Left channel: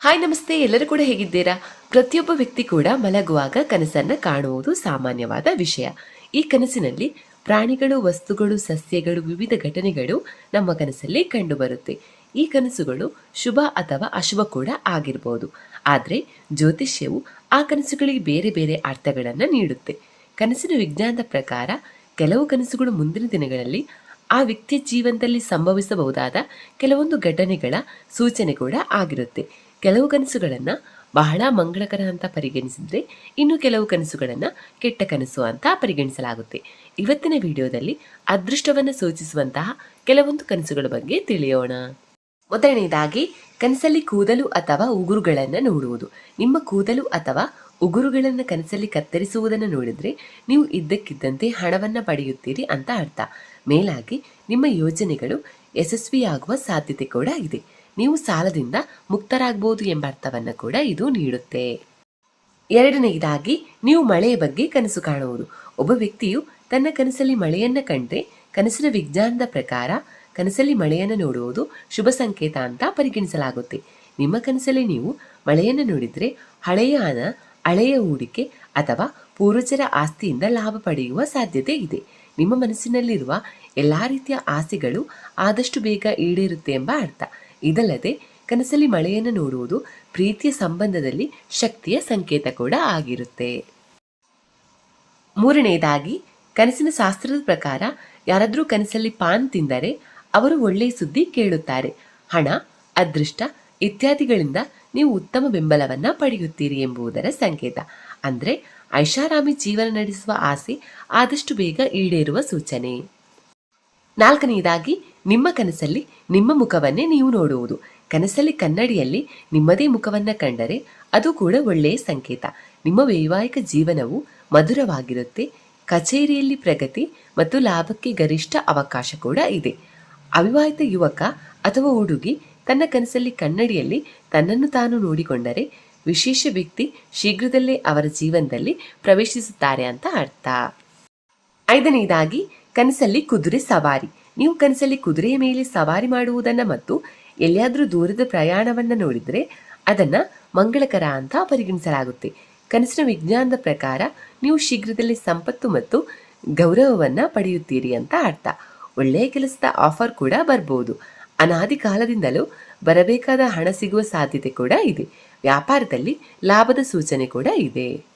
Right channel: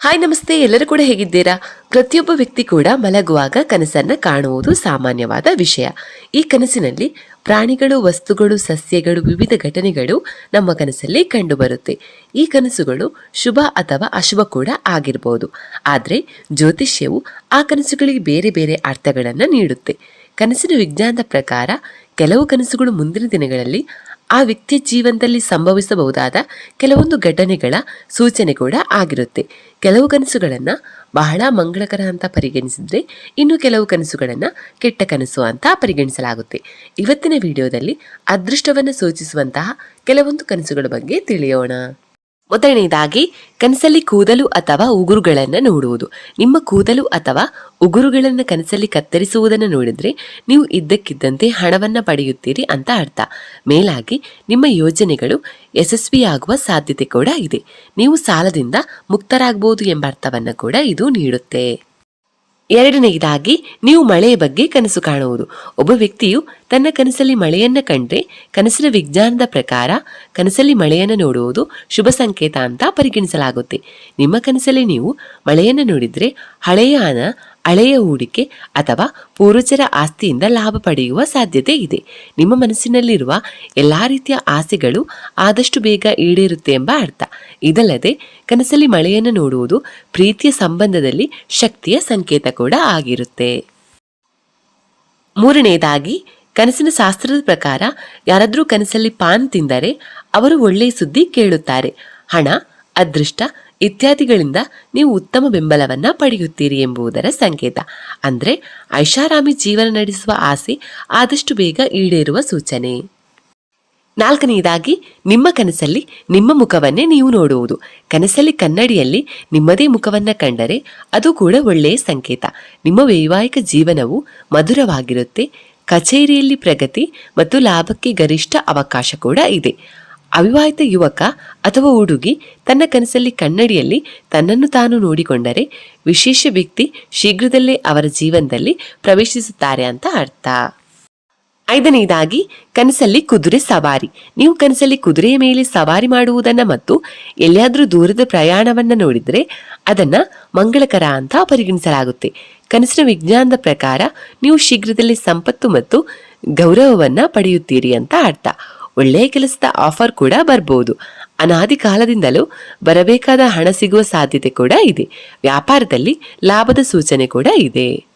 Hi, ನಮಸ್ತೆ. ಎಲ್ಲರೂ ಕೂಡ ಹೇಗಿದ್ದೀರಾ? ಪ್ರತಿಯೊಬ್ಬ ವ್ಯಕ್ತಿ ಕೂಡ ಮಲಗುವಾಗ ಕನಸನ್ನ ಕಾಣುವುದು ಸಾಮಾನ್ಯವಾದ ವಿಷಯ. ಈ ಕನಸಿನಲ್ಲಿ ಪ್ರಾಣಿಗಳು, ವಸ್ತುಗಳು, ಸಸ್ಯಗಳು, ವಿವಿಧ ಘಟನೆಗಳು ನಮ್ಮ ಕನಸಲ್ಲಿ ಕಂಡುಬರುತ್ತೆ. ಈ ಕನಸುಗಳು ಶುಭ ಅಥವಾ ಅಶುಭ ಕೂಡ ಆಗಿರಬಹುದು ಆದರೆ ಜ್ಯೋತಿಷ್ಯವು ಆ ಕನಸುಗಳಿಗೆ ಬೇರೆ ಬೇರೆ ಅರ್ಥಗಳನ್ನು ನೀಡುತ್ತೆ. ಕನಸಿನ ವಿಜ್ಞಾನದ ಪ್ರಕಾರ ಕೆಲವು ಕನಸುಗಳು ಮುಂದಿನ ದಿನಗಳಲ್ಲಿ ಆ ವ್ಯಕ್ತಿಯ ಜೀವನದಲ್ಲಿ ಸಂಭವಿಸಬಹುದಾದ ಕೆಲವೊಂದು ಘಟನೆಗಳ ಸೂಚನೆ ಕೂಡ ಆಗಿರುತ್ತೆ. ಕೆಲವು ಕನಸುಗಳನ್ನು ಬಹಳ ಮಂಗಳಕರ ಅಂತ ಪರಿಗಣಿಸಿದ್ರೆ ಇನ್ನು ಕೆಲವು ಕನಸುಗಳನ್ನು ಕೆಟ್ಟ ಕನಸು ಅಂತ ಪರಿಗಣಿಸಲಾಗುತ್ತೆ. ಇವತ್ತಿನ ವಿಡಿಯೋದಲ್ಲಿ ಅದೃಷ್ಟವನ್ನು ಸೂಚಿಸುವಂತಹ ಕೆಲವೊಂದು ಕನಸುಗಳ ಬಗ್ಗೆ ತಿಳಿಯೋಣ. ಮೊದಲನೇದಾಗಿ, ಕನಸಲ್ಲಿ ಕೂದಲು ಅಥವಾ ಉಗುರುಗಳನ್ನು ನೋಡುವುದು. ನಿಮ್ಮ ಕೂದಲು ಅಥವಾ ಉಗುರುಗಳನ್ನು ಕನಸಲ್ಲಿ ಕತ್ತರಿಸುವುದನ್ನು ನೋಡಿದರೆ, ನೀವು ಇದ್ದಕ್ಕಿದ್ದಂತೆ ಹಣವನ್ನು ಪಡೆಯುತ್ತೀರಿ ಅಂತ ಅರ್ಥ. ಮೇಲಾಗಿ, ನಿಮ್ಮ ಯೋಜನೆಗಳು ಯಶಸ್ವಿಯಾಗುವ ಸಾಧ್ಯತೆ ಕೂಡ ಇದೆ. ನೀವು ಸಾಲದಿಂದ ಮುಕ್ತರಾಗಬಹುದು ಎಂಬ ಅರ್ಥವನ್ನು ಕೂಡ ಇದು ನೀಡುತ್ತೆ. ಎರಡನೆಯದಾಗಿ, ನೀವು ಮಳೆಯ ಬಗ್ಗೆ ಕನಸು ಕಾಣುವುದು. ಒಬ್ಬ ವ್ಯಕ್ತಿಯು ತನ್ನ ಕನಸಲ್ಲಿ ಮಳೆಯನ್ನ ಕಂಡ್ರೆ, ಕನಸಿನ ವಿಜ್ಞಾನದ ಪ್ರಕಾರ ಕನಸಲ್ಲಿ ಮಳೆಯನ್ನ ನೋಡುವುದು ಶುಭ ಸಂಕೇತ ಅಂತ ಪರಿಗಣಿಸಲಾಗುತ್ತೆ. ನಿಮ್ಮ ಕನಸಲ್ಲಿ ನೀವು ಮಳೆಯನ್ನ ನೋಡಿದ್ರೆ ಹಳೆಯ ಹಣ ಹಳೆಯ ಹೂಡಿಕೆ ಅಥವಾ ಪೂರ್ವಜರ ಆಸ್ತಿಯಿಂದ ಲಾಭ ಪಡೆಯುವ ಸಾಧ್ಯತೆ ಇದೆ. ನಿಮ್ಮ ಮನಸ್ಸಿನಲ್ಲಿರುವ ಎಲ್ಲ ರೀತಿಯ ಆಸೆಗಳು ಆದಷ್ಟು ಬೇಗ ಈಡೇರುತ್ತೆ ಎಂಬ ಅರ್ಥ. ಇದಲ್ಲದೆ, ಕನಸಲ್ಲಿ ಮಳೆಯನ್ನು ನೋಡುವುದು ಪ್ರೀತಿಯ ಸಂಬಂಧದಲ್ಲಿ ಶಕ್ತಿಯ ಸಂಕೇತ ಕೂಡ ಆಗಿರುತ್ತೆ. ಮೂರನೆಯದಾಗಿ ಕನಸಿನ ಶಾಸ್ತ್ರದ ಪ್ರಕಾರ ಯಾರಾದರೂ ಕನಸಲ್ಲಿ ಪಾನ್ ತಿಂದರೆ ಅವರು ಒಳ್ಳೆಯ ಸುದ್ದಿ ಕೇಳುತ್ತಾರೆ. ಹಣ, ಅದೃಷ್ಟ ಇತ್ಯಾದಿಗಳಿಂದ ನೀವು ಉತ್ತಮ ಬೆಂಬಲವನ್ನ ಪಡೆಯುತ್ತೀರಿ ಎಂಬುದರ ಸಂಕೇತ. ಅಂದ್ರೆ ಐಷಾರಾಮಿ ಜೀವನ ನಡೆಸುವ ಆಸೆ ಆದಷ್ಟು ಬೇಗ ಈಡೇರುವ ಸೂಚನೆ. ನಾಲ್ಕನೆಯದಾಗಿ, ನಿಮ್ಮ ಕನಸಲ್ಲಿ ನಿಮ್ಮ ಮುಖವನ್ನೇ ನೀವು ನೋಡುವುದು. ಕನಸಲ್ಲಿ ಕನ್ನಡಿಯಲ್ಲಿ ನಿಮ್ಮದೇ ಮುಖವನ್ನ ಕಂಡರೆ ಅದು ಕೂಡ ಒಳ್ಳೆಯ ಸಂಕೇತ. ನಿಮ್ಮ ವೈವಾಹಿಕ ಜೀವನವು ಮಧುರವಾಗಿರುತ್ತೆ, ಕಚೇರಿಯಲ್ಲಿ ಪ್ರಗತಿ ಮತ್ತು ಲಾಭಕ್ಕೆ ಗರಿಷ್ಠ ಅವಕಾಶ ಕೂಡ ಇದೆ. ಅವಿವಾಹಿತ ಯುವಕ ಅಥವಾ ಹುಡುಗಿ ತನ್ನ ಕನಸಲ್ಲಿ ಕನ್ನಡಿಯಲ್ಲಿ ತನ್ನನ್ನು ತಾನು ನೋಡಿಕೊಂಡರೆ ವಿಶೇಷ ವ್ಯಕ್ತಿ ಶೀಘ್ರದಲ್ಲೇ ಅವರ ಜೀವನದಲ್ಲಿ ಪ್ರವೇಶಿಸುತ್ತಾರೆ ಅಂತ ಅರ್ಥ. ಐದನೇದಾಗಿ, ಕನಸಲ್ಲಿ ಕುದುರೆ ಸವಾರಿ. ನೀವು ಕನಸಲ್ಲಿ ಕುದುರೆಯ ಮೇಲೆ ಸವಾರಿ ಮಾಡುವುದನ್ನು ಮತ್ತು ಎಲ್ಲಿಯಾದರೂ ದೂರದ ಪ್ರಯಾಣವನ್ನ ನೋಡಿದರೆ ಅದನ್ನ ಮಂಗಳಕರ ಅಂತ ಪರಿಗಣಿಸಲಾಗುತ್ತೆ. ಕನಸಿನ ವಿಜ್ಞಾನದ ಪ್ರಕಾರ ನೀವು ಶೀಘ್ರದಲ್ಲೇ ಸಂಪತ್ತು ಮತ್ತು ಗೌರವವನ್ನು ಪಡೆಯುತ್ತೀರಿ ಅಂತ ಅರ್ಥ. ಒಳ್ಳೆಯ ಕೆಲಸದ ಆಫರ್ ಕೂಡ ಬರ್ಬೋದು. ಅನಾದಿ ಕಾಲದಿಂದಲೂ ಬರಬೇಕಾದ ಹಣ ಸಿಗುವ ಸಾಧ್ಯತೆ ಕೂಡ ಇದೆ. ವ್ಯಾಪಾರದಲ್ಲಿ ಲಾಭದ ಸೂಚನೆ ಕೂಡ ಇದೆ.